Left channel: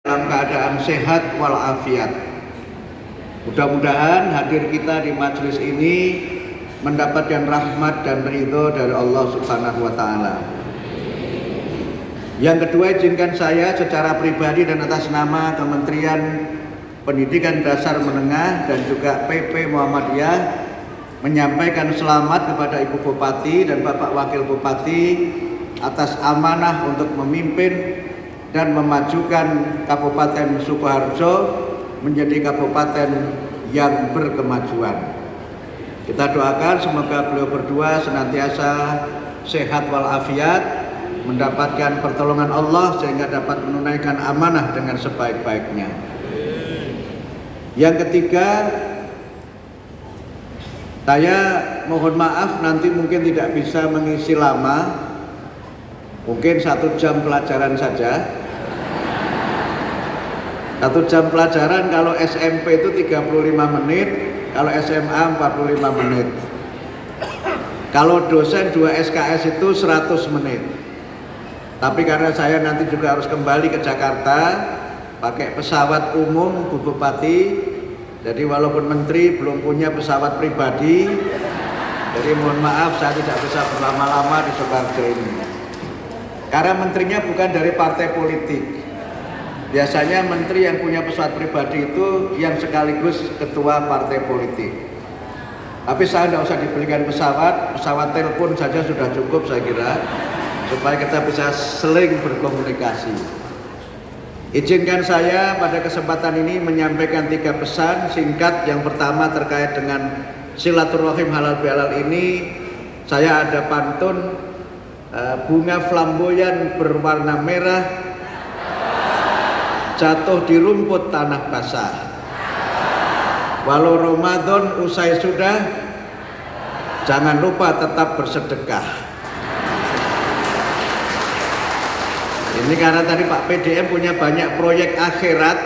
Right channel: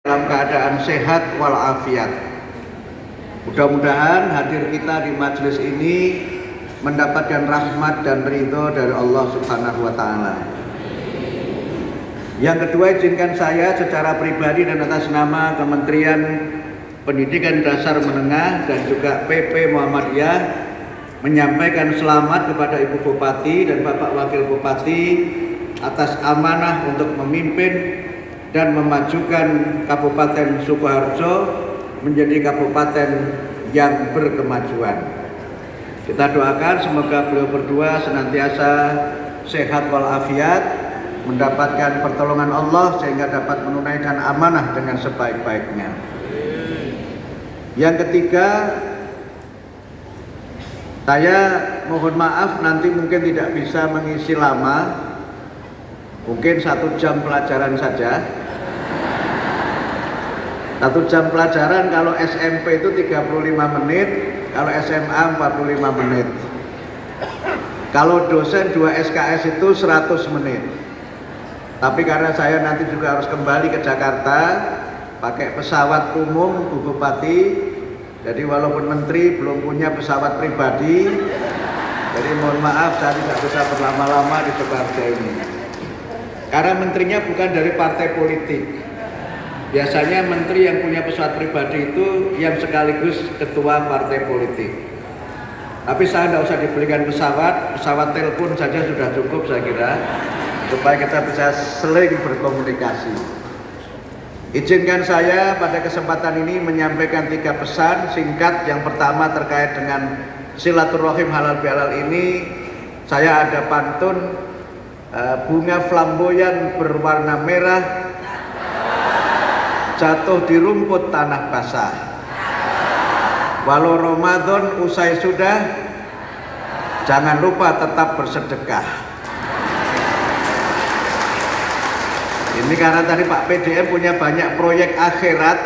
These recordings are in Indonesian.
dalam keadaan sehat walafiat. Mudah-mudahan hadir kita di majelis ini mendapatkan rahmat dan ridho dari Allah Subhanahu wa Ta'ala. Yang kedua, izinkan saya secara pribadi dan atas nama Kementerian Pendidikan Dasar Menengah dan juga PP Muhammadiyah menyampaikan selamat kepada Ibu Bupati dan Bapak Wakil Bupati atas amanah untuk memimpin dan memajukan Kabupaten Sukoharjo menjadi kabupaten yang berkemajuan. Kita doakan semoga beliau berdua senantiasa sehat walafiat, mendapatkan pertolongan Allah sehingga dapat menunaikan amanah dengan sebaik-baiknya. Yang ketiga, saya mohon maaf nanti mungkin tidak bisa mengisi lama, mungkin 1 jam pelajaran saja. 1 jam pelajaran kalau SMP itu 35 menit, kalau SMA 45 menit. Kalau dosen 2 SKS itu 100 menit. Tapi karena saya nanti juga harus kembali ke Jakarta pakai pesawat umum Bu Bupati, jadi walaupun menteri belum punya pesawat pribadi, jadi mohon maaf saya tidak bisa berlama-lama di Sukoharjo ini. Karena menterinya bukan dari partai politik. Biasanya menteri yang punya pesawat pribadi itu yang sekaligus ketua partai politik. Tapi saya tidak usah dibelikan pesawat telepon saja sudah cukup saya kira, supaya kita bisa sering berkomunikasi. Izinkan saya pada kesempatan ini menyampaikan 3 pesan singkat. Yang pertama terkait dengan silaturahim halal bihalal ini, saya ada pantun bunga flamboyan berwarna merah jatuh di rumput tanah basah. Walau Ramadan usai sudah, jangan lupa tetap bersedekah. Ini karena tadi Pak PDM punya banyak proyek akhirat.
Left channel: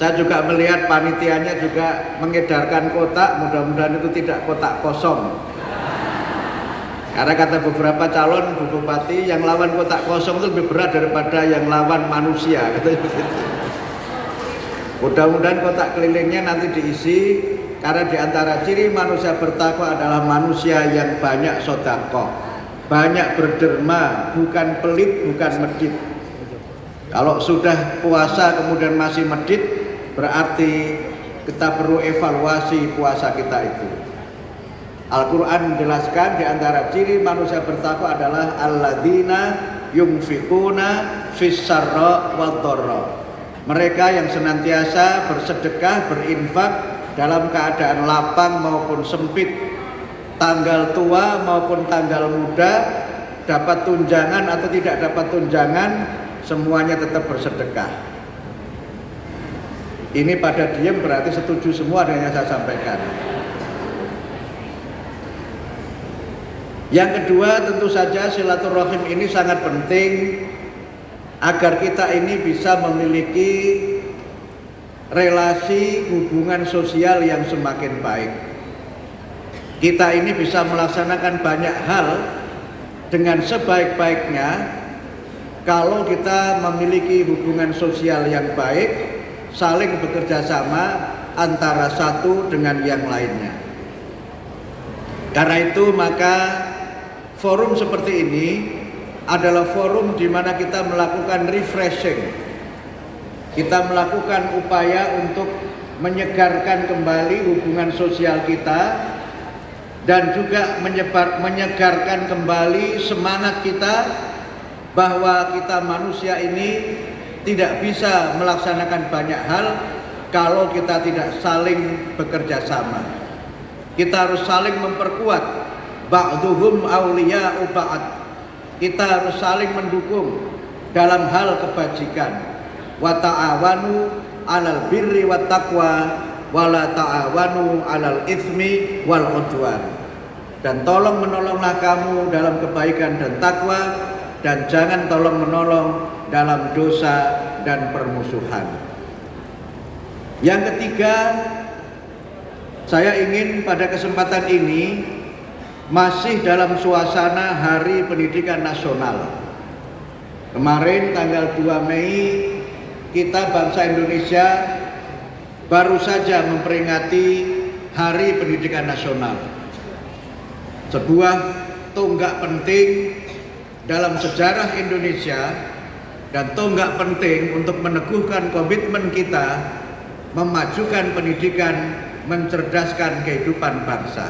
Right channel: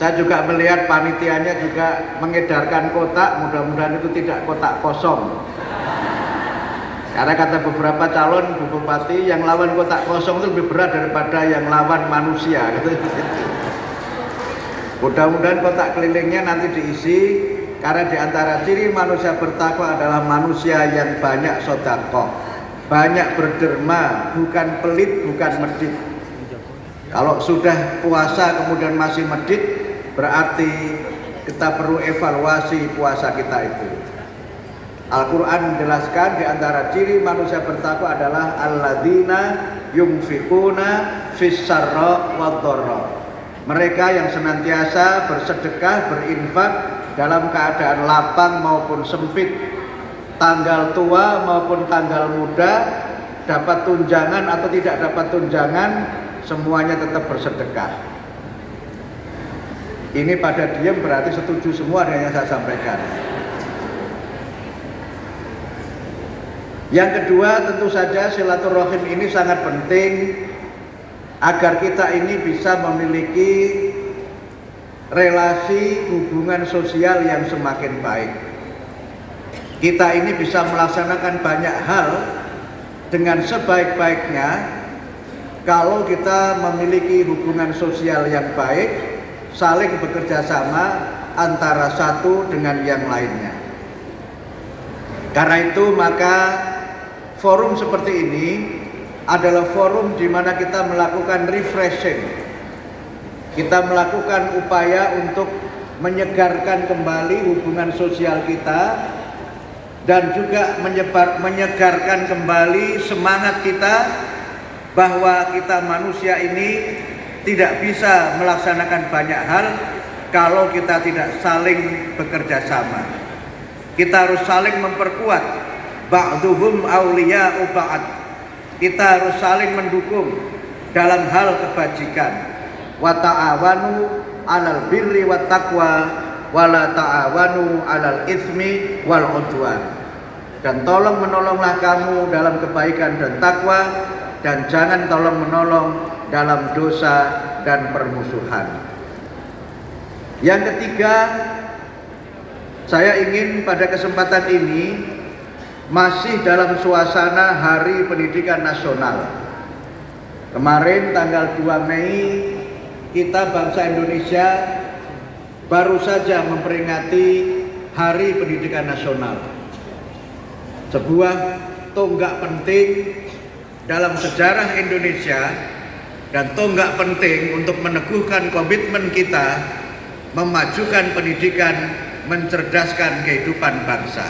Saya juga melihat panitianya juga mengedarkan kotak, mudah-mudahan itu tidak kotak kosong. Karena kata beberapa calon Bu Bupati, yang lawan kotak kosong itu lebih berat daripada yang lawan manusia. Mudah-mudahan kotak kelilingnya nanti diisi, karena diantara ciri manusia bertakwa adalah manusia yang banyak sedekah, banyak berderma, bukan pelit, bukan medit. Kalau sudah puasa kemudian masih medit, berarti kita perlu evaluasi puasa kita itu. Al-Quran menjelaskan di antara ciri manusia bertakwa adalah alladzina yunfiquna fis-sarra wad-dharra. Mereka yang senantiasa bersedekah, berinfak dalam keadaan lapang maupun sempit, tanggal tua maupun tanggal muda, dapat tunjangan atau tidak dapat tunjangan, semuanya tetap bersedekah. Ini pada diam berarti setuju semua dengan yang saya sampaikan. Yang kedua, tentu saja silaturahim ini sangat penting agar kita ini bisa memiliki relasi hubungan sosial yang semakin baik. Kita ini bisa melaksanakan banyak hal dengan sebaik-baiknya kalau kita memiliki hubungan sosial yang baik, saling bekerja sama antara satu dengan yang lainnya. Karena itu maka forum seperti ini adalah forum di mana kita melakukan refreshing. Kita melakukan upaya untuk menyegarkan kembali hubungan sosial kita dan juga menyegarkan kembali semangat kita bahwa kita manusia ini tidak bisa melaksanakan banyak hal kalau kita tidak saling bekerja sama. Kita harus saling memperkuat. Ba'duhum awliya'u ba'd. Kita harus saling mendukung dalam hal kebajikan. Wa ta'awanu 'alal birri wat taqwa wa la ta'awanu 'alal itsmi wal 'udwan. Dan tolong menolonglah kamu dalam kebaikan dan takwa, dan jangan tolong menolong dalam dosa dan permusuhan. Yang ketiga, saya ingin pada kesempatan ini masih dalam suasana Hari Pendidikan Nasional. Kemarin tanggal 2 Mei kita bangsa Indonesia baru saja memperingati Hari Pendidikan Nasional. Sebuah tonggak penting dalam sejarah Indonesia dan tonggak penting untuk meneguhkan komitmen kita memajukan pendidikan, mencerdaskan kehidupan bangsa.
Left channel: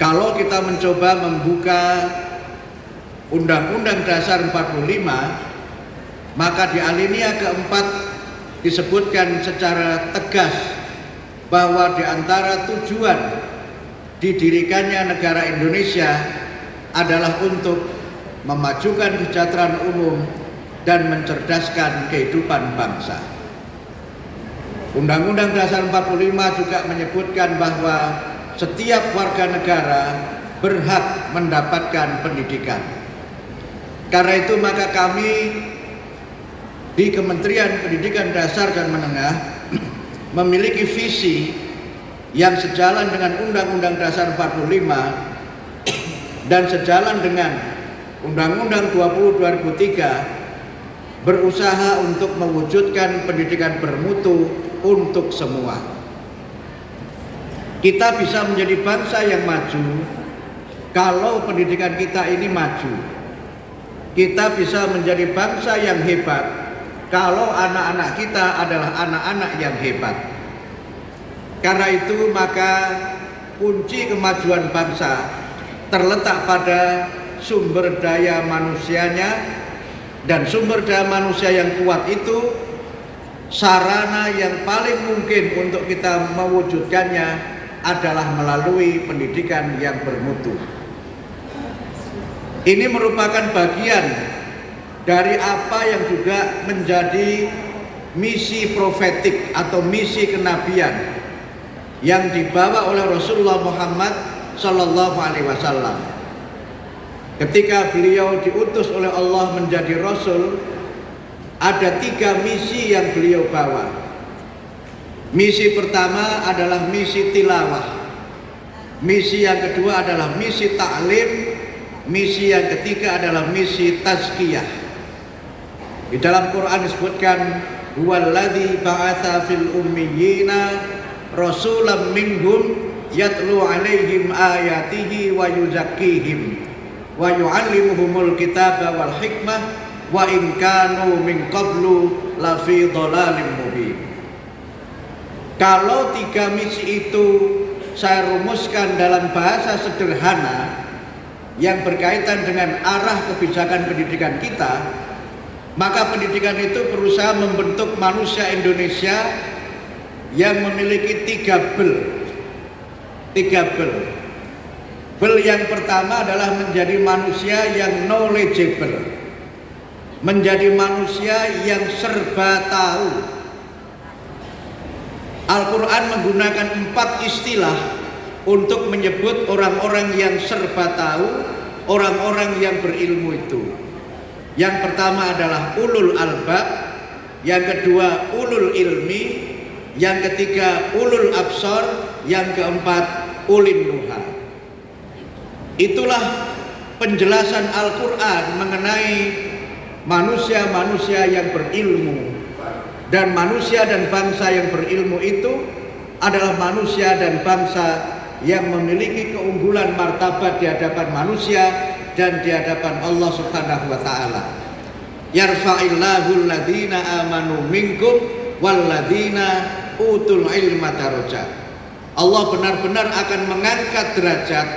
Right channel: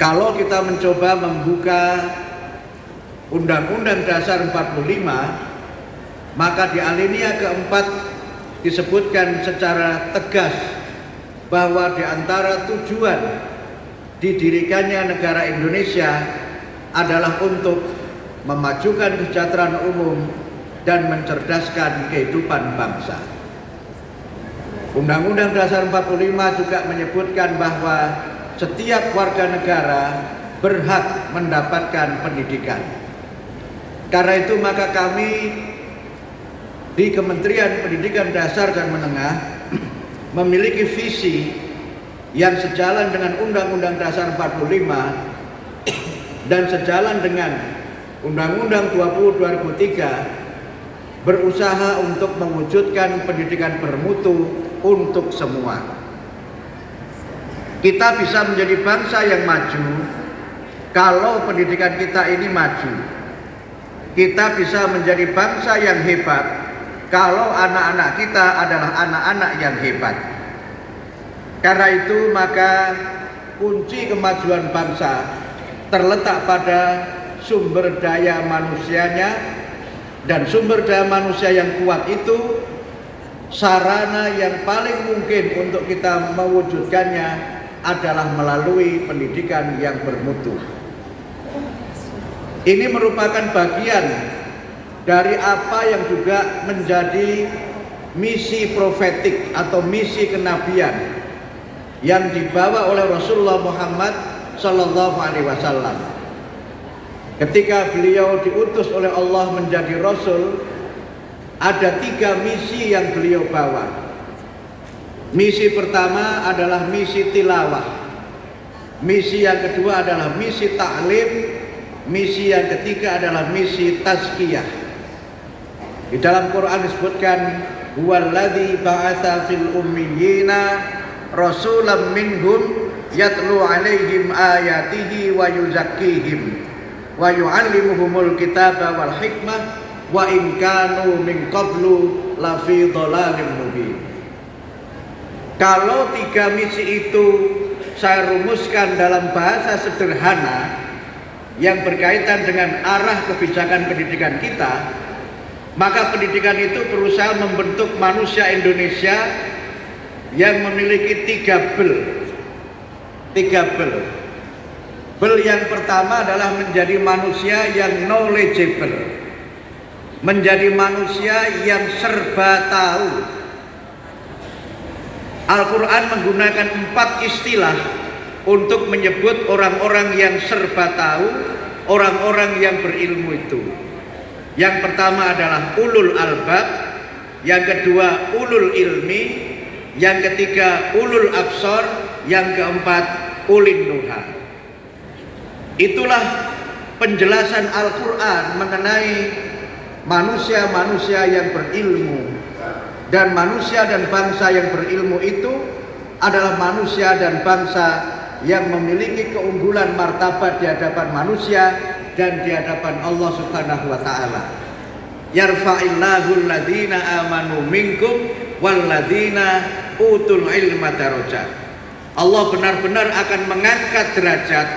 Kalau kita mencoba membuka Undang-Undang Dasar 45, maka di alinea keempat disebutkan secara tegas bahwa di antara tujuan didirikannya negara Indonesia adalah untuk memajukan kesejahteraan umum dan mencerdaskan kehidupan bangsa. Undang-Undang Dasar 45 juga menyebutkan bahwa setiap warga negara berhak mendapatkan pendidikan. Karena itu maka kami di Kementerian Pendidikan Dasar dan Menengah memiliki visi yang sejalan dengan Undang-Undang Dasar 45 dan sejalan dengan Undang-Undang 20 2003, berusaha untuk mewujudkan pendidikan bermutu untuk semua. Kita bisa menjadi bangsa yang maju kalau pendidikan kita ini maju. Kita bisa menjadi bangsa yang hebat kalau anak-anak kita adalah anak-anak yang hebat. Karena itu maka kunci kemajuan bangsa terletak pada sumber daya manusianya, dan sumber daya manusia yang kuat itu sarana yang paling mungkin untuk kita mewujudkannya adalah melalui pendidikan yang bermutu. Ini merupakan bagian dari apa yang juga menjadi misi profetik atau misi kenabian yang dibawa oleh Rasulullah Muhammad Sallallahu Alaihi Wasallam. Ketika beliau diutus oleh Allah menjadi Rasul, ada 3 misi yang beliau bawa. Misi pertama adalah misi tilawah. Misi yang kedua adalah misi ta'lim. Misi yang ketiga adalah misi tazkiyah. Di dalam Quran disebutkan, "Huwallazi ba'atsa fil ummiyina rasulan minhum yatlu 'alaihim ayatihi wa yuzakkihim wa yu'allimuhumul kitaba wal hikmah wa in kanu min qablu lafi dhalalim mubin." Kalau 3 misi itu saya rumuskan dalam bahasa sederhana yang berkaitan dengan arah kebijakan pendidikan kita, maka pendidikan itu berusaha membentuk manusia Indonesia yang memiliki 3 bel. 3 bel. Bel yang pertama adalah menjadi manusia yang knowledgeable, menjadi manusia yang serba tahu. Al-Quran menggunakan 4 istilah untuk menyebut orang-orang yang serba tahu, orang-orang yang berilmu itu. Yang pertama adalah ulul albab, yang kedua ulul ilmi, yang ketiga ulul absor, yang keempat ulin nuha. Itulah penjelasan Al-Quran mengenai manusia-manusia yang berilmu. Dan manusia dan bangsa yang berilmu itu adalah manusia dan bangsa yang memiliki keunggulan martabat di hadapan manusia dan di hadapan Allah Subhanahu wa taala. Yarfa'illahu alladhina amanu minkum walladhina utul ilma darajat. Allah benar-benar akan mengangkat derajat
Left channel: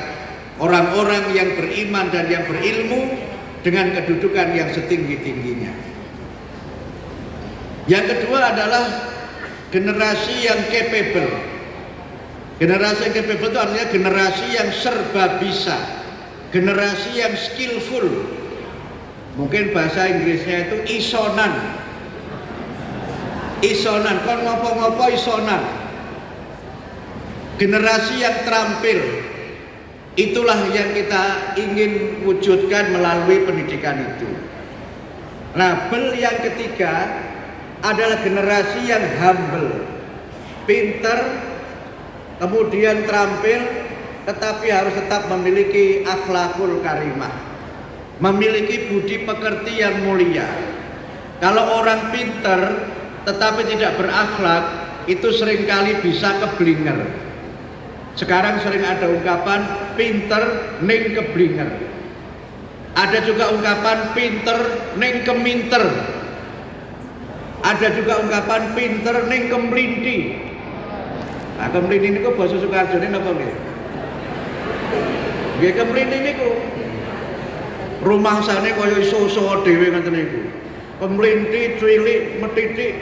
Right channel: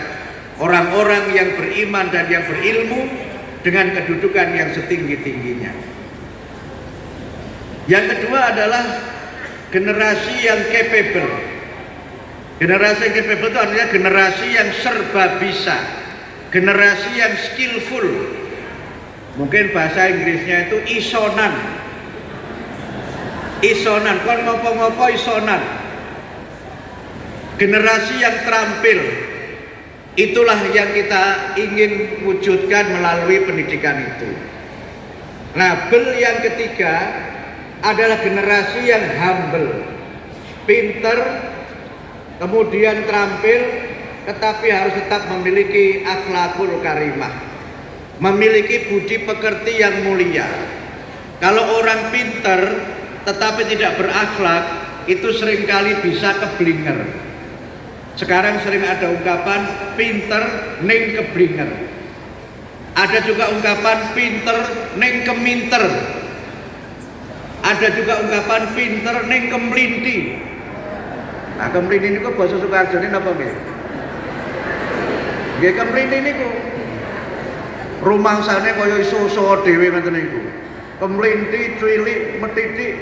orang-orang yang beriman dan yang berilmu dengan kedudukan yang setinggi-tingginya. Yang kedua adalah generasi yang capable. Generasi yang capable itu artinya generasi yang serba bisa, generasi yang skillful. Mungkin bahasa Inggrisnya itu isonan. Isonan, kan ngopo-ngopo isonan. Generasi yang terampil. Itulah yang kita ingin wujudkan melalui pendidikan itu. Nah, bel yang ketiga adalah generasi yang humble, pinter, kemudian terampil, tetapi harus tetap memiliki akhlakul karimah, memiliki budi pekerti yang mulia. Kalau orang pinter tetapi tidak berakhlak, itu seringkali bisa keblinger. Sekarang sering ada ungkapan pinter ning keblinger. Ada juga ungkapan pinter ning keminter. Ada juga ungkapan pinter ning kemlinti. Nah, kemlinti ini kok bahasa Sukarjo ini apa nih? Nggih kemlinti niku rumangsane kaya iso-iso dhewe ngoten niku. Kemlinti, cuilik, metitik,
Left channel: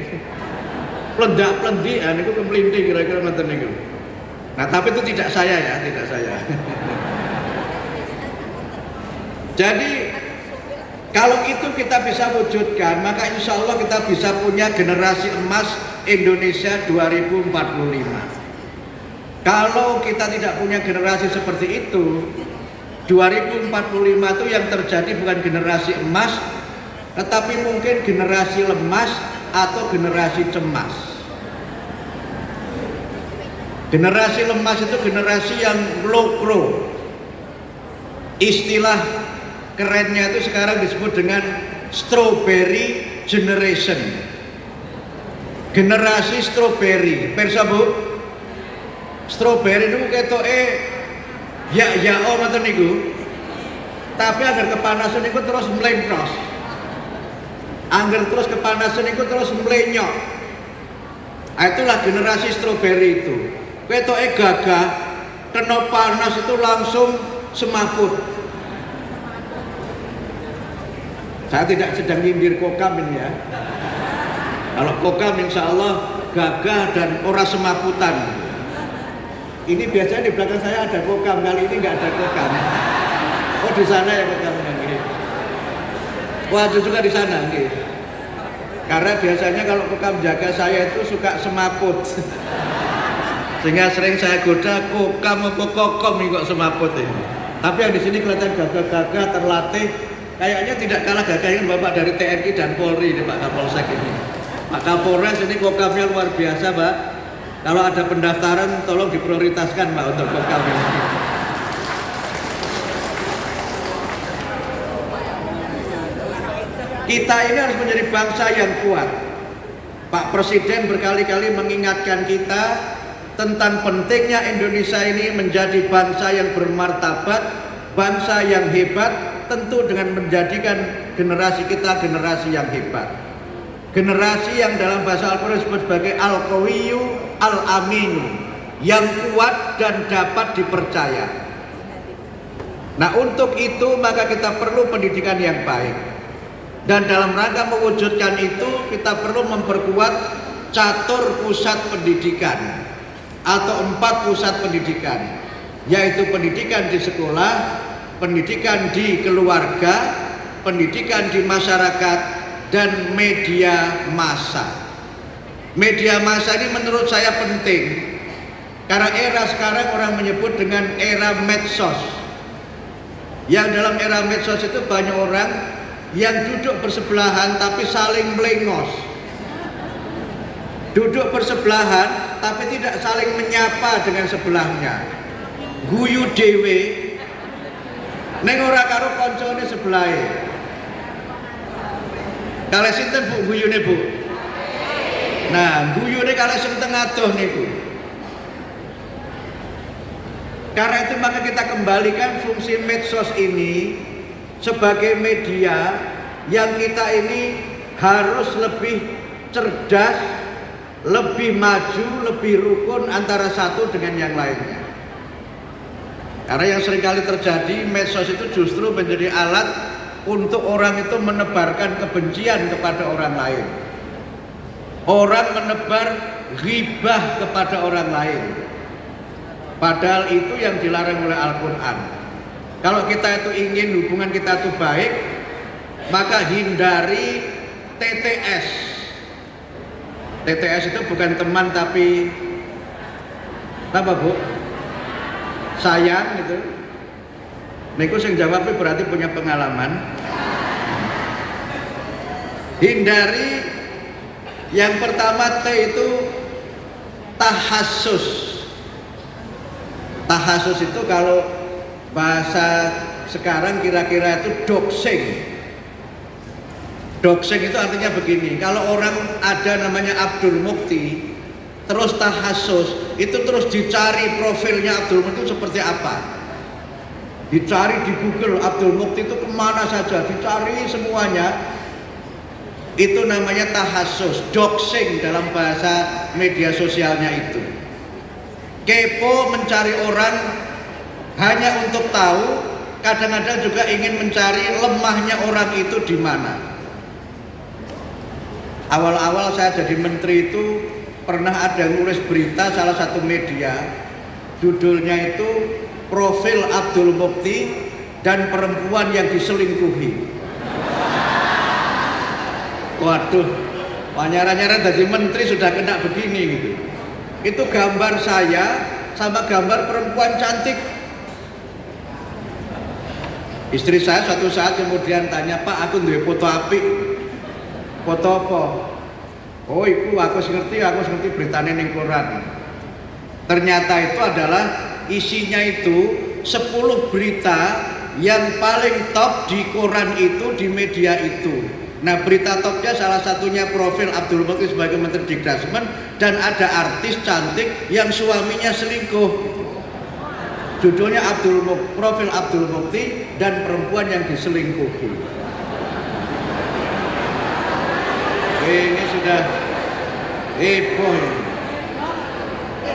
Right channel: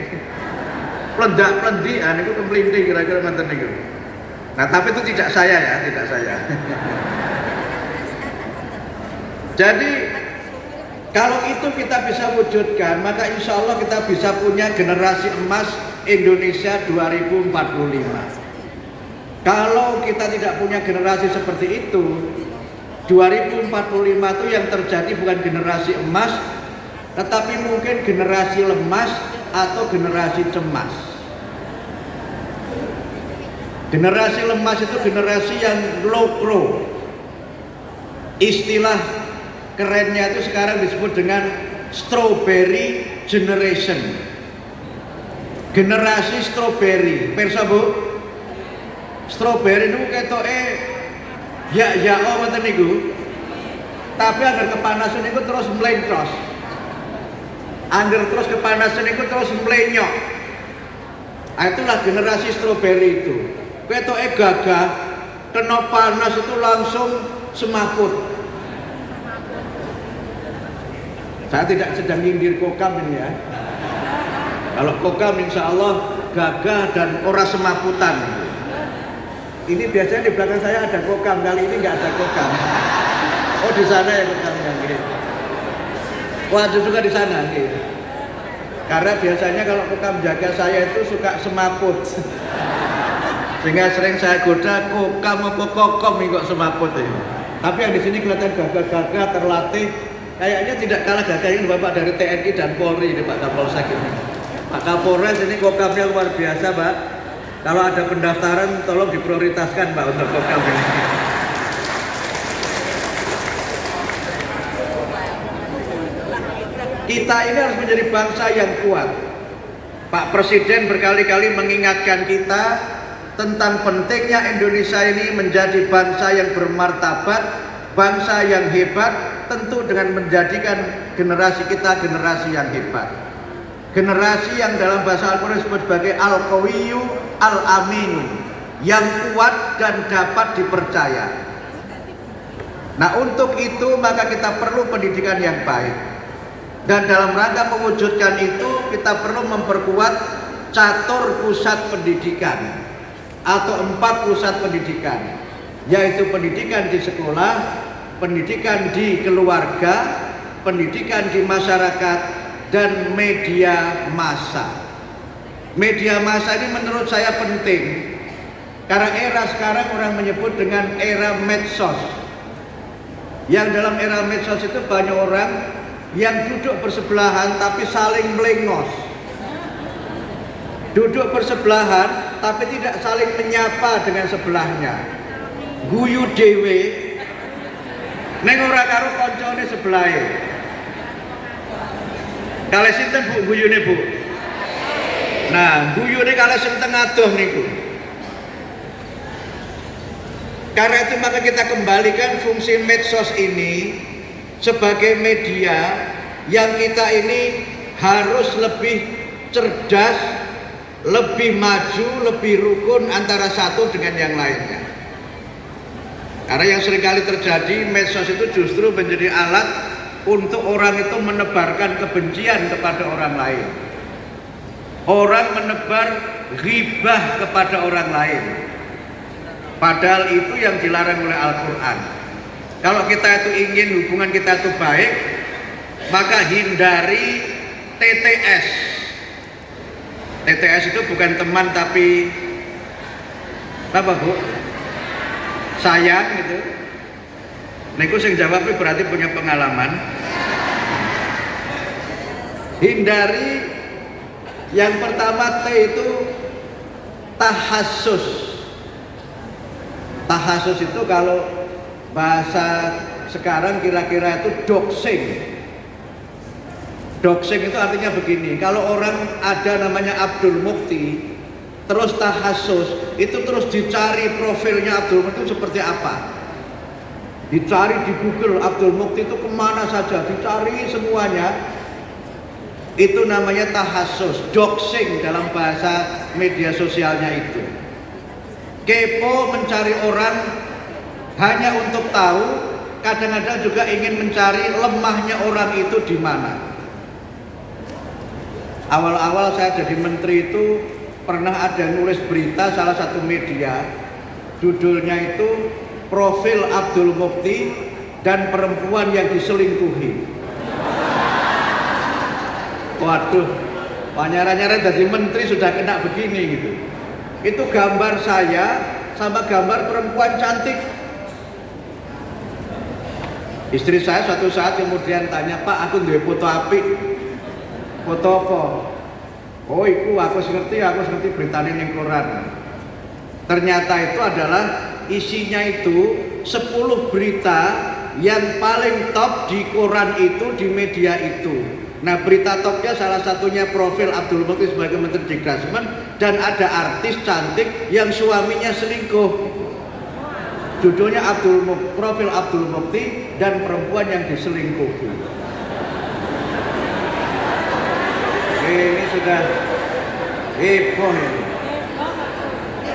plendak-plendi, niku kemlinti kira-kira ngoten niku. Nah, tapi itu tidak saya ya, tidak saya. Jadi kalau itu kita bisa wujudkan, maka insya Allah kita bisa punya generasi emas Indonesia 2045. Kalau kita tidak punya generasi seperti itu, 2045 itu yang terjadi bukan generasi emas, tetapi mungkin generasi lemas atau generasi cemas. Generasi lemas itu generasi yang low. Istilah kerennya itu sekarang disebut dengan strawberry generation. Generasi strawberry. Persa Bu? Strawberry itu ketoke ya ngoten niku. Tapi agar kepanasan niku terus melencros. Angger terus kepanasan niku terus melenyok. Itulah generasi strawberry itu. Ketoke gagah, kena panas itu langsung semaput. Saya tidak sedang nyindir kokam ini ya. Kalau kokam insya Allah gagah dan ora semaputan. Ini biasanya di belakang saya ada kokam, kali ini nggak ada kokam. Oh di sana ya kokam lagi. Wah itu juga di sana nih. Karena biasanya kalau kokam jaga saya itu suka semaput. Sehingga sering saya goda kokam apa kokom nih kok semaput ini. Tapi yang di sini kelihatan gagah-gagah terlatih. Kayaknya tidak kalah gagah dengan Bapak dari TNI dan Polri ini Pak Kapolsek ini. Pak Kapolres ini kokamnya luar biasa Pak. Kalau ada pendaftaran tolong diprioritaskan Pak untuk kokam ini. Kita ini harus menjadi bangsa yang kuat. Pak Presiden berkali-kali mengingatkan kita tentang pentingnya Indonesia ini menjadi bangsa yang bermartabat, bangsa yang hebat, tentu dengan menjadikan generasi kita generasi yang hebat. Generasi yang dalam bahasa Al-Quran disebut sebagai Al-Qawiyyu Al-Aminu, yang kuat dan dapat dipercaya. Nah untuk itu maka kita perlu pendidikan yang baik. Dan dalam rangka mewujudkan itu kita perlu memperkuat catur pusat pendidikan atau 4 pusat pendidikan, yaitu pendidikan di sekolah, pendidikan di keluarga, pendidikan di masyarakat, dan media massa. Media massa ini menurut saya penting karena era sekarang orang menyebut dengan era medsos. Yang dalam era medsos itu banyak orang yang duduk bersebelahan tapi saling melengos. Duduk bersebelahan tapi tidak saling menyapa dengan sebelahnya. Guyu dewe neng ora karo koncone sebelahe. Kalih sinten Bu guyune Bu? Nah, guyune kalih sinten adoh niku. Karena itu maka kita kembalikan fungsi medsos ini sebagai media yang kita ini harus lebih cerdas, lebih maju, lebih rukun antara satu dengan yang lainnya. Karena yang seringkali terjadi, medsos itu justru menjadi alat untuk orang itu menebarkan kebencian kepada orang lain. Orang menebar ghibah kepada orang lain. Padahal itu yang dilarang oleh Al-Quran. Kalau kita itu ingin hubungan kita itu baik, maka hindari TTS. TTS itu bukan teman tapi apa Bu? Sayang gitu. Niku sing jawab berarti punya pengalaman. Hindari yang pertama T itu tahassus. Tahassus itu kalau bahasa sekarang kira-kira itu doxing. Doxing itu artinya begini, kalau orang ada namanya Abdul Mukti, terus tahassus, itu terus dicari profilnya Abdul Mukti itu seperti apa. Dicari di Google Abdul Mukti itu kemana saja, dicari semuanya. Itu namanya tahassus, doxing dalam bahasa media sosialnya itu. Kepo mencari orang hanya untuk tahu, kadang-kadang juga ingin mencari lemahnya orang itu di mana. Awal-awal saya jadi menteri itu pernah ada nulis berita salah satu media, judulnya itu profil Abdul Mukti dan perempuan yang diselingkuhi. Waduh, nyara-nyara jadi menteri sudah kena begini gitu. Itu gambar saya sama gambar perempuan cantik. Istri saya suatu saat kemudian tanya, "Pak, aku duwe foto apik." Foto apa? Oh, itu aku ngerti beritanya ning koran. Ternyata itu adalah isinya itu 10 berita yang paling top di koran itu, di media itu. Nah, berita topnya salah satunya profil Abdul Mukti sebagai Menteri Dikdasmen, dan ada artis cantik yang suaminya selingkuh. Judulnya profil Abdul Mukti dan perempuan yang diselingkuhi. Ini sudah heboh ini.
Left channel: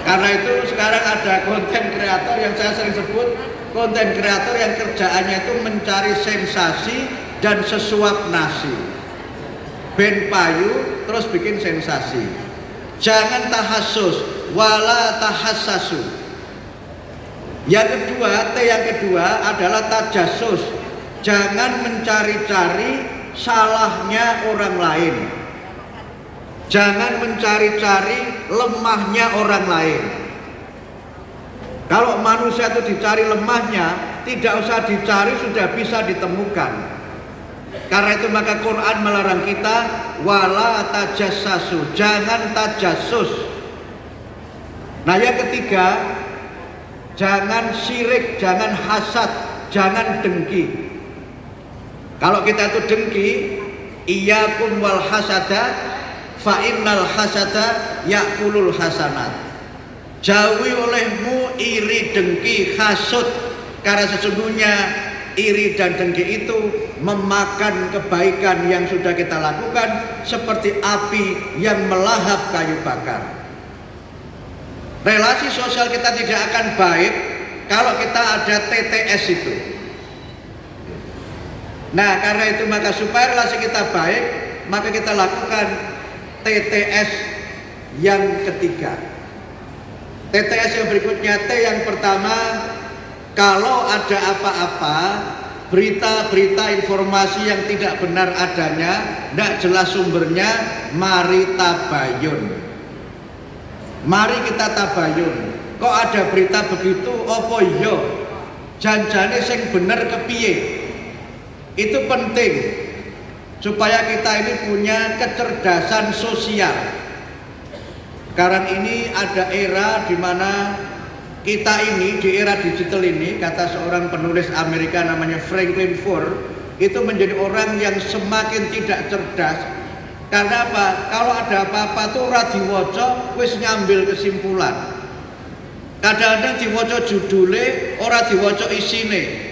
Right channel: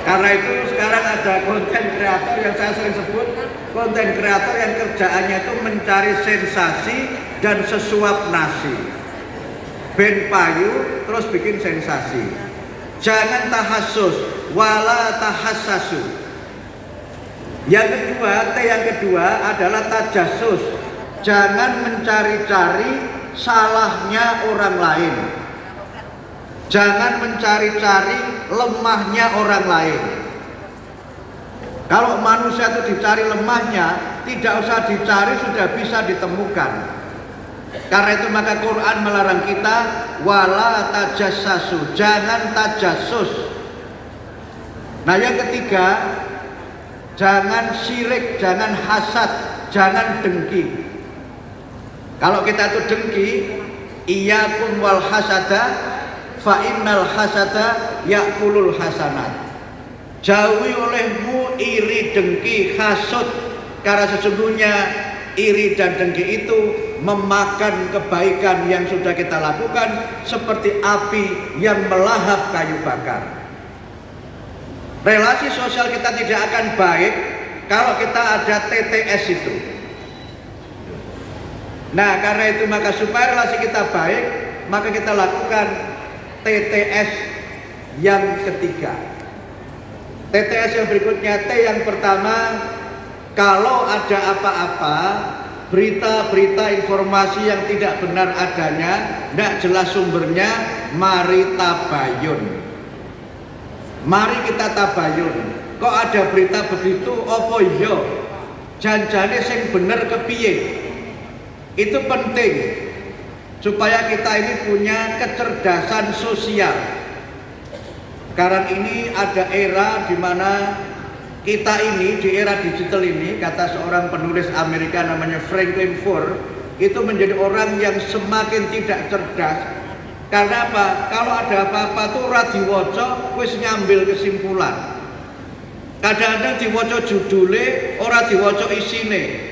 Karena itu sekarang ada konten kreator yang saya sering sebut konten kreator yang kerjaannya itu mencari sensasi dan sesuap nasi. Ben payu terus bikin sensasi. Jangan tahassus, wala tahassasu. Yang kedua adalah tajassus. Jangan mencari-cari salahnya orang lain. Jangan mencari-cari lemahnya orang lain. Kalau manusia itu dicari lemahnya, tidak usah dicari, sudah bisa ditemukan. Karena itu maka Quran melarang kita wala tajassasu, jangan tajassus. Nah, yang ketiga, jangan syirik, jangan hasad, jangan dengki. Kalau kita itu dengki, iyyakum wal hasada fa innal hasada ya'kulul hasanat. Jauhi olehmu iri, dengki, hasud, karena sesungguhnya iri dan dengki itu memakan kebaikan yang sudah kita lakukan seperti api yang melahap kayu bakar. Relasi sosial kita tidak akan baik kalau kita ada TTS itu. Nah, karena itu maka supaya relasi kita baik, maka kita lakukan TTS yang ketiga. TTS yang berikutnya, T yang pertama, kalau ada apa-apa, berita-berita informasi yang tidak benar adanya, tidak jelas sumbernya, mari tabayun. Mari kita tabayun. Kok ada berita begitu? Apa iya? Janjane sing bener kepiye? Itu penting supaya kita ini punya kecerdasan sosial. Sekarang ini ada era di mana kita ini di era digital ini, kata seorang penulis Amerika namanya Franklin Ford, itu menjadi orang yang semakin tidak cerdas. Karena apa? Kalau ada apa-apa tuh ora diwaca wis ngambil kesimpulan. Kadang-kadang diwaca judule, ora diwaca isine.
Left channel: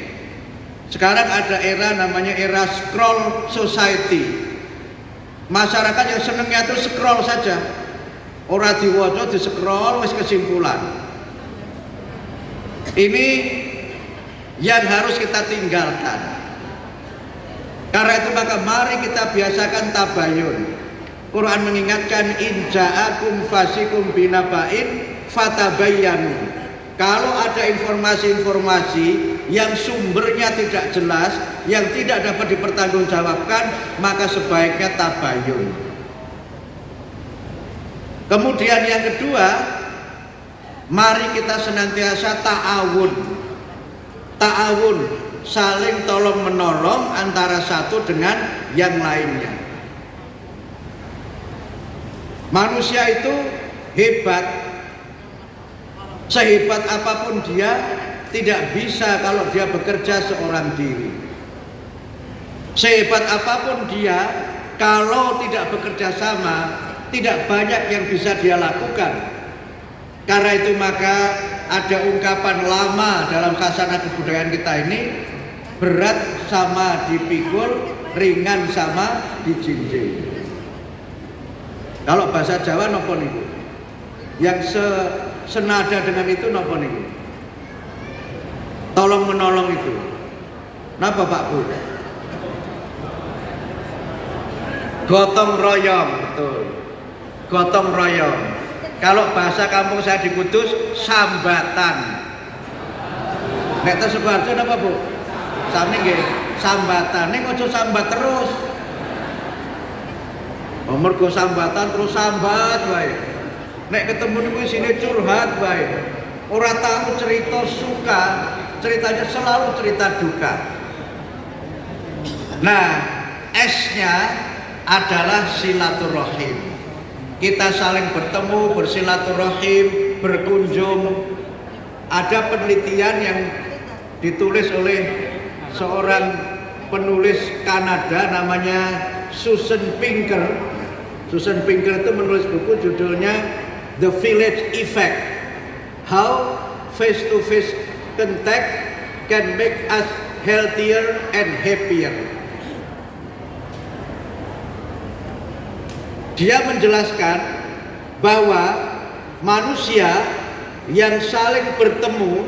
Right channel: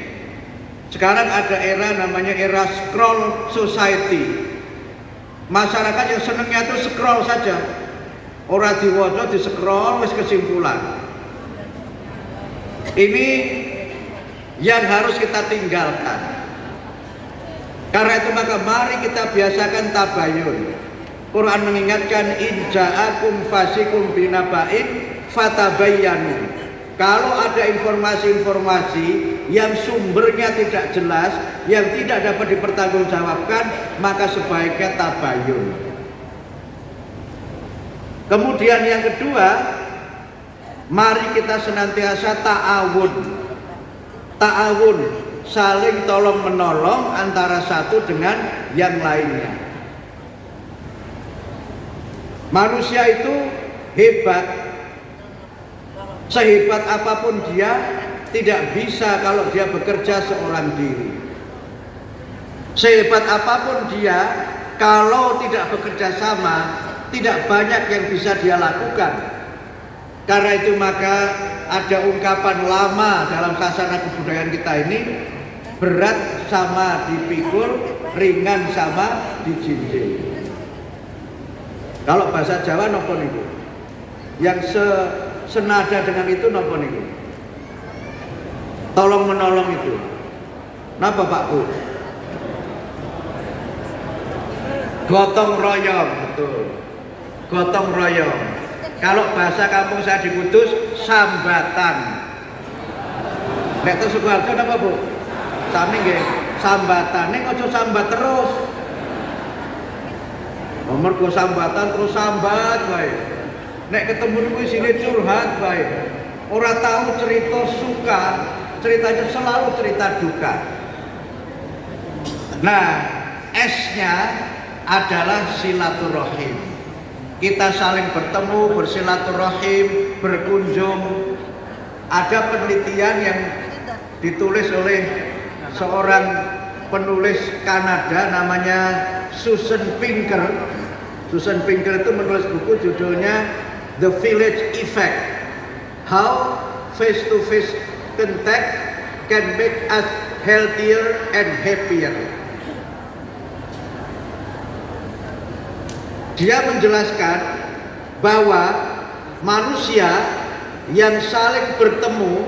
Sekarang ada era namanya era scroll society. Masyarakat yang senengnya itu scroll saja. Ora diwaca, di scroll wis kesimpulan. Ini yang harus kita tinggalkan. Karena itu maka mari kita biasakan tabayun. Quran mengingatkan in ja'akum fasikum binaba'in fatabayyanu. Kalau ada informasi-informasi yang sumbernya tidak jelas, yang tidak dapat dipertanggungjawabkan, maka sebaiknya tabayun. Kemudian yang kedua, mari kita senantiasa ta'awun. Ta'awun, saling tolong menolong antara satu dengan yang lainnya. Manusia itu hebat. Sehebat apapun dia, tidak bisa kalau dia bekerja seorang diri. Sehebat apapun dia, kalau tidak bekerja sama, tidak banyak yang bisa dia lakukan. Karena itu maka ada ungkapan lama dalam khazanah kebudayaan kita ini, berat sama dipikul, ringan sama dijinjing. Kalau bahasa Jawa napa niku? Yang senada dengan itu napa niku? Tolong menolong itu. Napa Pak Bu? Gotong royong, betul. Gotong royong. Kalau bahasa kampung saya di Kudus, sambatan. Nek teng Sukoharjo napa Bu? Sami nggih, sambatan. Ning aja sambat terus. Mergo sambatan terus sambat wae. Nek ketemu niku sini curhat wae. Ora tahu cerita suka, ceritanya selalu cerita duka. Nah, S-nya adalah silaturahim. Kita saling bertemu, bersilaturahim, berkunjung. Ada penelitian yang ditulis oleh seorang penulis Kanada namanya Susan Pinker. Susan Pinker itu menulis buku judulnya The Village Effect. How face-to-face contact can make us healthier and happier. Dia menjelaskan bahwa manusia yang saling bertemu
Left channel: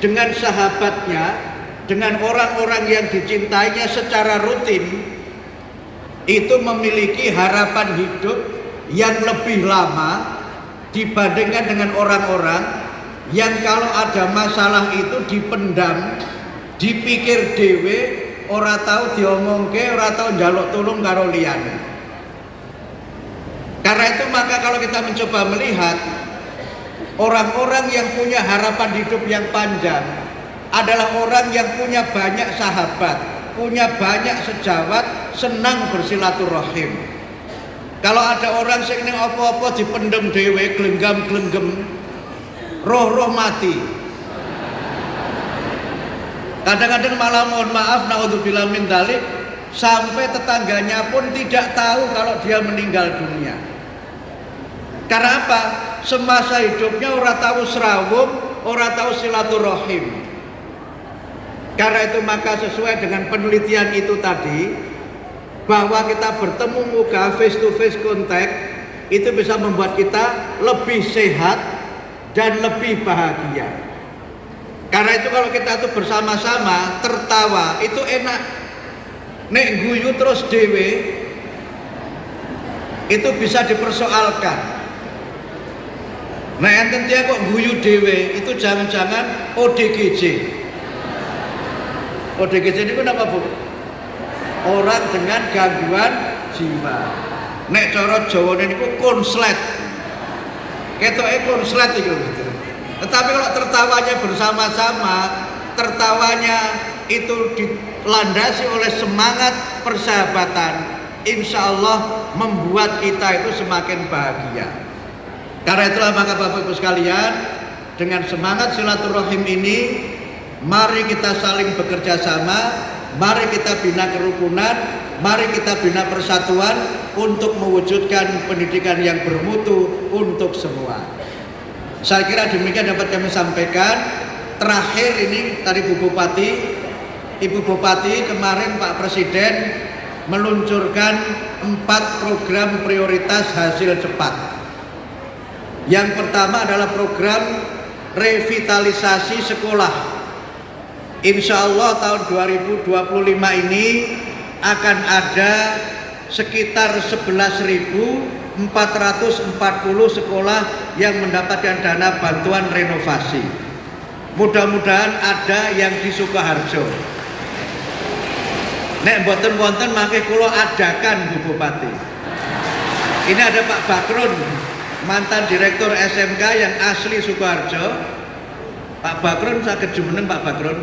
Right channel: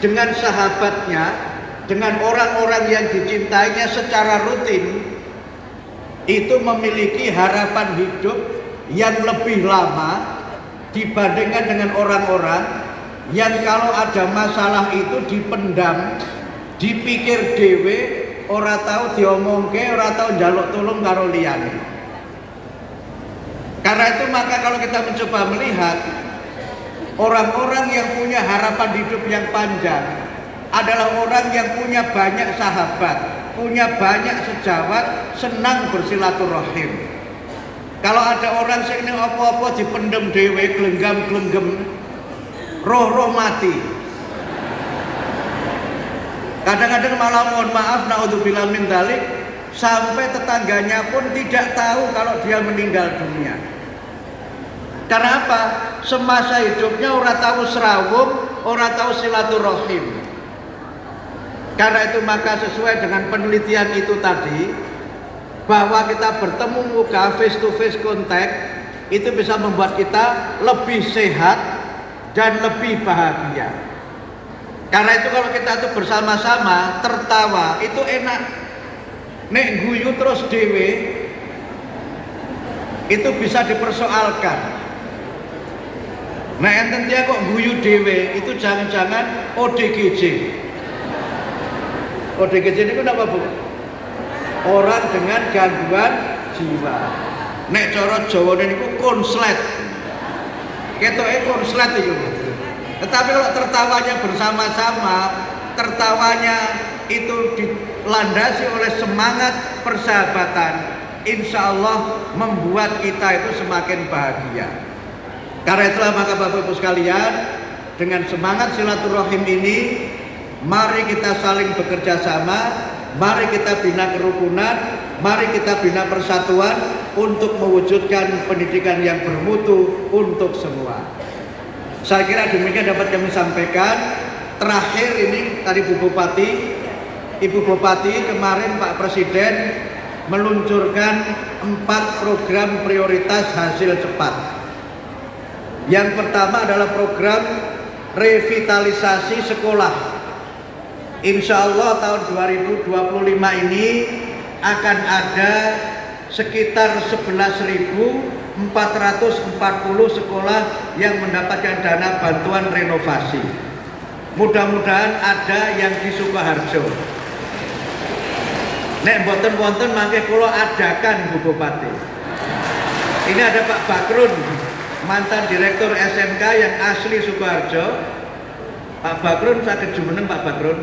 dengan sahabatnya, dengan orang-orang yang dicintainya secara rutin, itu memiliki harapan hidup yang lebih lama dibandingkan dengan orang-orang yang kalau ada masalah itu dipendam, dipikir dhewe, ora tahu diomongke, ora tahu njaluk tulung karo liyane. Karena itu maka kalau kita mencoba melihat orang-orang yang punya harapan hidup yang panjang adalah orang yang punya banyak sahabat, punya banyak sejawat, senang bersilaturahim. Kalau ada orang sing ning apa-apa dipendem dhewe, glenggam-glenggem, roh-roh mati. Kadang-kadang malah mohon maaf, naudzubillah min dzalik, sampai tetangganya pun tidak tahu kalau dia meninggal dunia. Karena apa? Semasa hidupnya orang tahu serawung, orang tahu silaturahim. Karena itu maka sesuai dengan penelitian itu tadi, bahwa kita bertemu muka, face to face contact, itu bisa membuat kita lebih sehat dan lebih bahagia. Karena itu kalau kita tuh bersama-sama tertawa, itu enak. Nek guyu terus dewe, itu bisa dipersoalkan. Nah enten dia kok guyu dewe, itu jangan-jangan ODGJ. ODGJ ini apa Bu? Orang dengan gangguan jiwa. Nek cara Jawa ini konslet. Ketoke konslet itu. Tetapi kalau tertawanya bersama-sama, tertawanya itu dilandasi oleh semangat persahabatan, insya Allah membuat kita itu semakin bahagia. Karena itulah maka Bapak Ibu sekalian, dengan semangat silaturahim ini, mari kita saling bekerja sama, mari kita bina kerukunan, mari kita bina persatuan untuk mewujudkan pendidikan yang bermutu untuk semua. Saya kira demikian dapat kami sampaikan. Terakhir ini tadi Bu Bupati, Ibu Bupati kemarin Pak Presiden meluncurkan 4 program prioritas hasil cepat. Yang pertama adalah program revitalisasi sekolah. Insya Allah tahun 2025 ini akan ada sekitar 11.440 sekolah yang mendapatkan dana bantuan renovasi. Mudah-mudahan ada yang di Sukoharjo. Nek mboten wonten mangke kula adakan Bu Bupati. Ini ada Pak Bakrun, mantan direktur SMK yang asli Sukoharjo. Pak Bakrun saged jumeneng Pak Bakrun.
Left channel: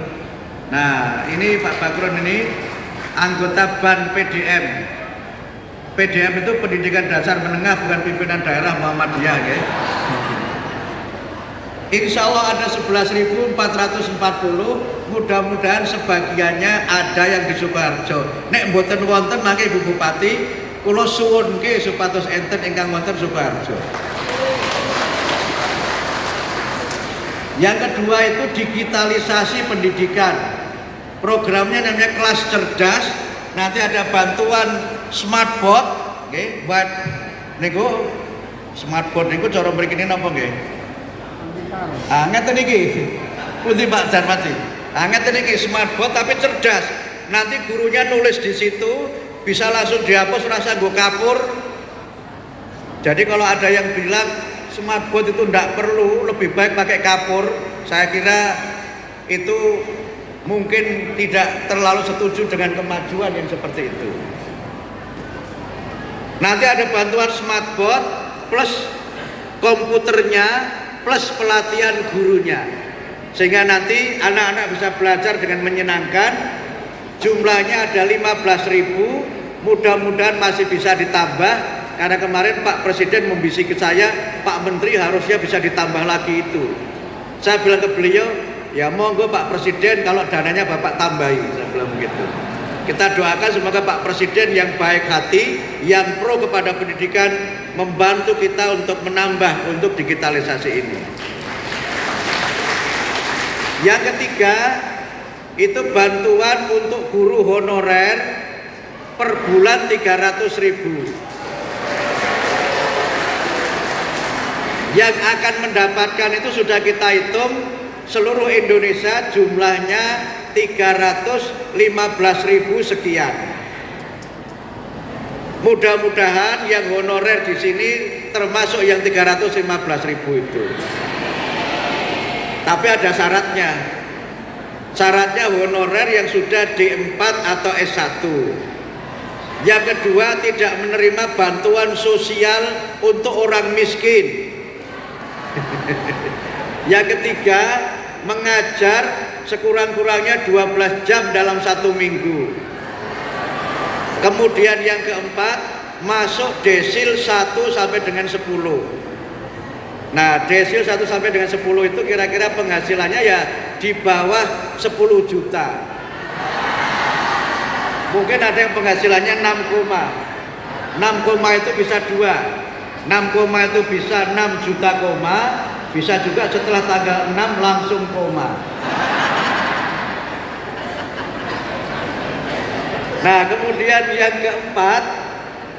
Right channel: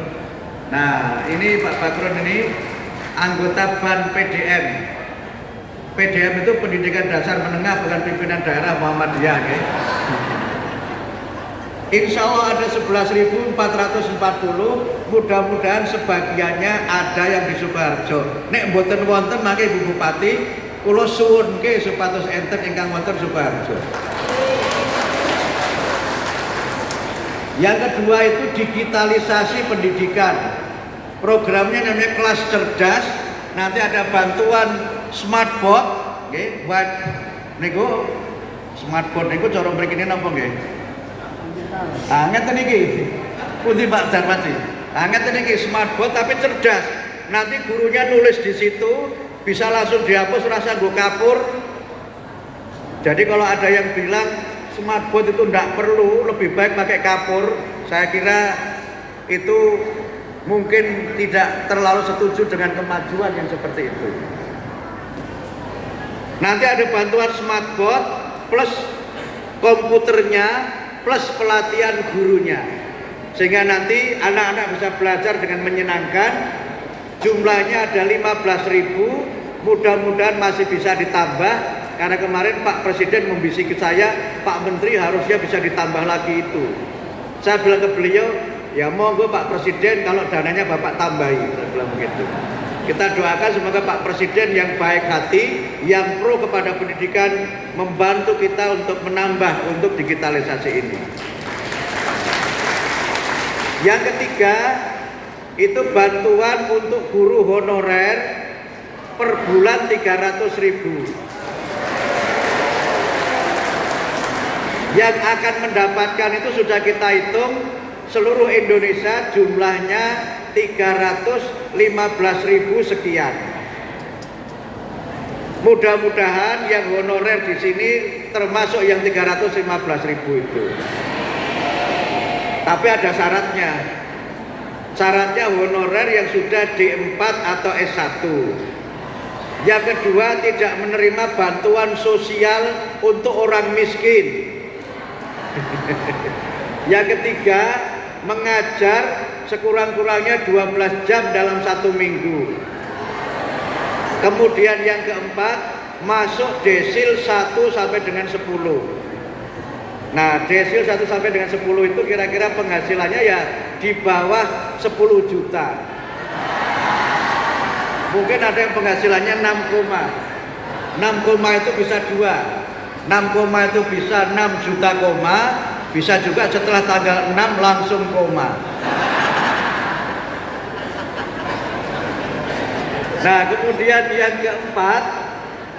Nah, ini Pak Bakrun ini anggota BAN PDM. PDM itu pendidikan dasar menengah, bukan pimpinan daerah Muhammadiyah ya. Insya Allah ada 11.440, mudah-mudahan sebagiannya ada yang di Sukoharjo. Nek mboten wonten mangke Ibu Bupati Kula suwunke supados enten ingkang wonten Sukoharjo. Yang kedua itu digitalisasi pendidikan. Programnya namanya kelas cerdas. Nanti ada bantuan smartboard, nggih, buat niku smartboard niku cara mriki napa nggih? Ah ngeten iki. Pundi Pak Darmati? Ah ngeten iki smartboard tapi cerdas. Nanti gurunya nulis di situ, bisa langsung dihapus rasa nggo kapur. Jadi kalau ada yang bilang smartboard itu tidak perlu, lebih baik pakai kapur, saya kira itu mungkin tidak terlalu setuju dengan kemajuan yang seperti itu. Nanti ada bantuan smartboard plus komputernya plus pelatihan gurunya, sehingga nanti anak-anak bisa belajar dengan menyenangkan. Jumlahnya ada 15.000, mudah-mudahan masih bisa ditambah karena kemarin Pak Presiden membisiki saya, Pak Menteri harusnya bisa ditambah lagi itu. Saya bilang ke beliau, ya monggo Pak Presiden kalau dananya Bapak tambahi, saya bilang begitu. Kita doakan semoga Pak Presiden yang baik hati, yang pro kepada pendidikan membantu kita untuk menambah untuk digitalisasi ini. Yang ketiga, itu bantuan untuk guru honorer per bulan 300.000. Yang akan mendapatkan itu sudah kita hitung seluruh Indonesia jumlahnya 315.000 sekian. Mudah-mudahan yang honorer di sini termasuk yang 315.000 itu. Tapi ada syaratnya. Syaratnya honorer yang sudah D4 atau S1. Yang kedua, tidak menerima bantuan sosial untuk orang miskin. Yang ketiga, mengajar sekurang-kurangnya 12 jam dalam 1 minggu. Kemudian yang keempat, masuk desil 1 sampai dengan 10. Nah, desil 1 sampai dengan 10 itu kira-kira penghasilannya ya di bawah 10 juta. Mungkin ada yang penghasilannya 6 koma itu bisa 2. 6 koma itu bisa 6 juta koma, bisa juga setelah tanggal 6 langsung koma. Nah, kemudian yang keempat,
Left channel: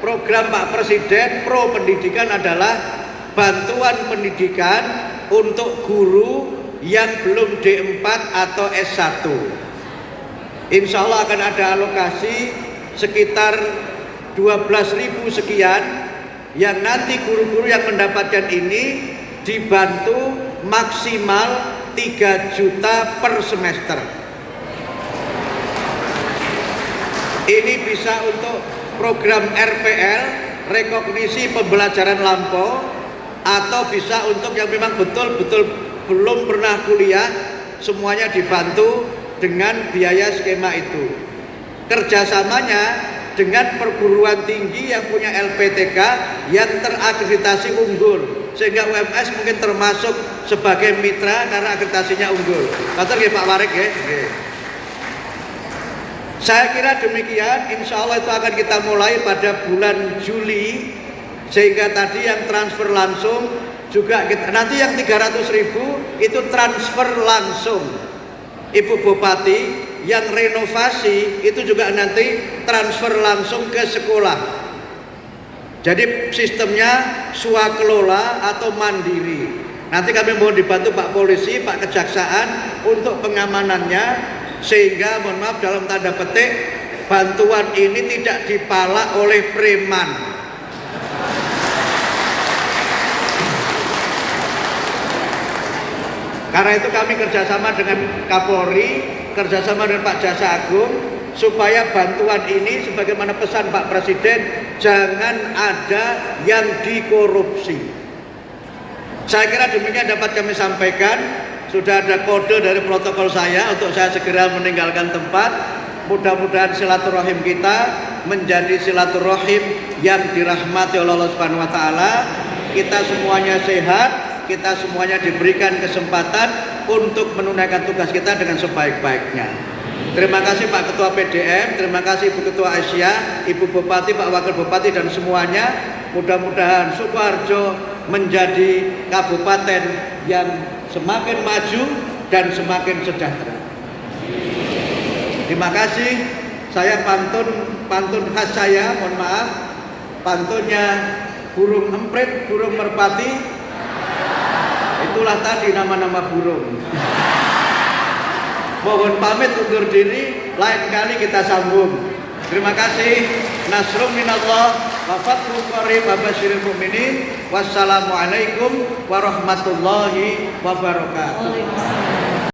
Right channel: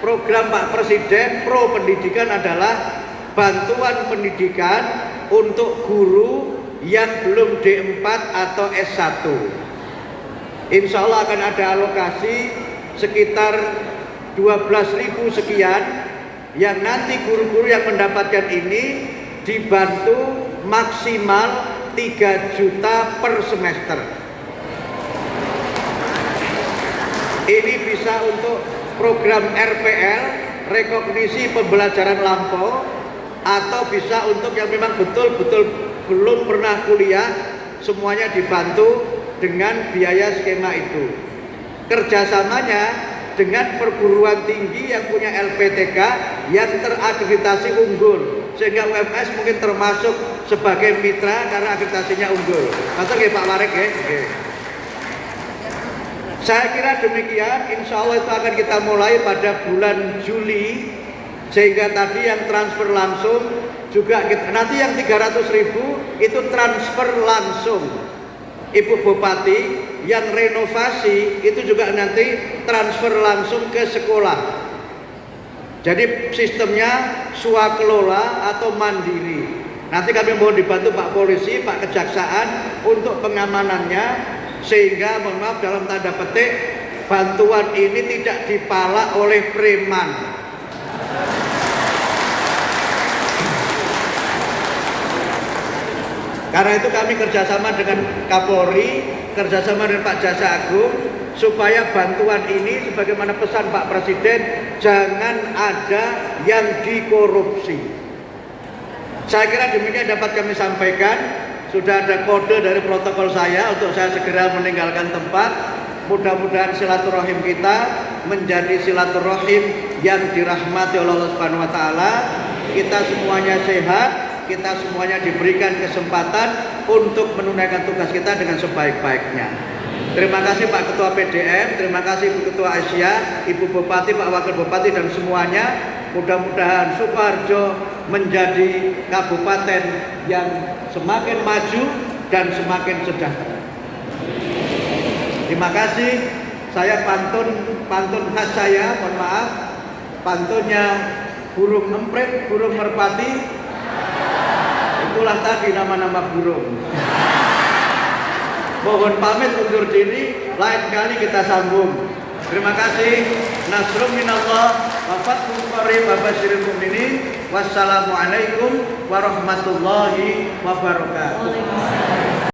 program Pak Presiden pro pendidikan adalah bantuan pendidikan untuk guru yang belum D4 atau S1. Insya Allah akan ada alokasi sekitar 12.000 sekian yang nanti guru-guru yang mendapatkan ini dibantu maksimal 3 juta per semester. Ini bisa untuk program RPL, rekognisi pembelajaran lampau, atau bisa untuk yang memang betul-betul belum pernah kuliah, semuanya dibantu dengan biaya skema itu. Kerjasamanya dengan perguruan tinggi yang punya LPTK yang terakreditasi unggul, sehingga UMS mungkin termasuk sebagai mitra karena akreditasinya unggul. Atau Pak Warik ya. Saya kira demikian, insya Allah itu akan kita mulai pada bulan Juli, sehingga tadi yang transfer langsung juga kita, nanti yang 300.000 itu transfer langsung Ibu Bupati, yang renovasi itu juga nanti transfer langsung ke sekolah. Jadi sistemnya swakelola atau mandiri. Nanti kami mohon dibantu Pak Polisi, Pak Kejaksaan untuk pengamanannya, sehingga mohon maaf dalam tanda petik bantuan ini tidak dipalak oleh preman. Karena itu kami kerjasama dengan Kapolri, kerjasama dengan Pak Jaksa Agung, supaya bantuan ini sebagaimana pesan Pak Presiden, jangan ada yang dikorupsi. Saya kira demikian dapat kami sampaikan. Sudah ada kode dari protokol saya untuk saya segera meninggalkan tempat. Mudah-mudahan silaturahim kita menjadi silaturahim yang dirahmati oleh Allah Subhanahu wa taala. Kita semuanya sehat, kita semuanya diberikan kesempatan untuk menunaikan tugas kita dengan sebaik-baiknya. Terima kasih Pak Ketua PDM, terima kasih Ibu Ketua Asia, Ibu Bupati, Pak Wakil Bupati dan semuanya. Mudah-mudahan Sukoharjo menjadi kabupaten yang semakin maju dan semakin sejahtera. Terima kasih. Saya pantun khas saya, mohon maaf. Pantunnya burung emprit, burung merpati. Itulah tadi nama-nama burung. Mohon pamit undur diri, lain kali kita sambung. Terima kasih. Nasrun minallah wa fathun qarib wa basyiril mu'minin. Wassalamualaikum warahmatullahi wabarakatuh.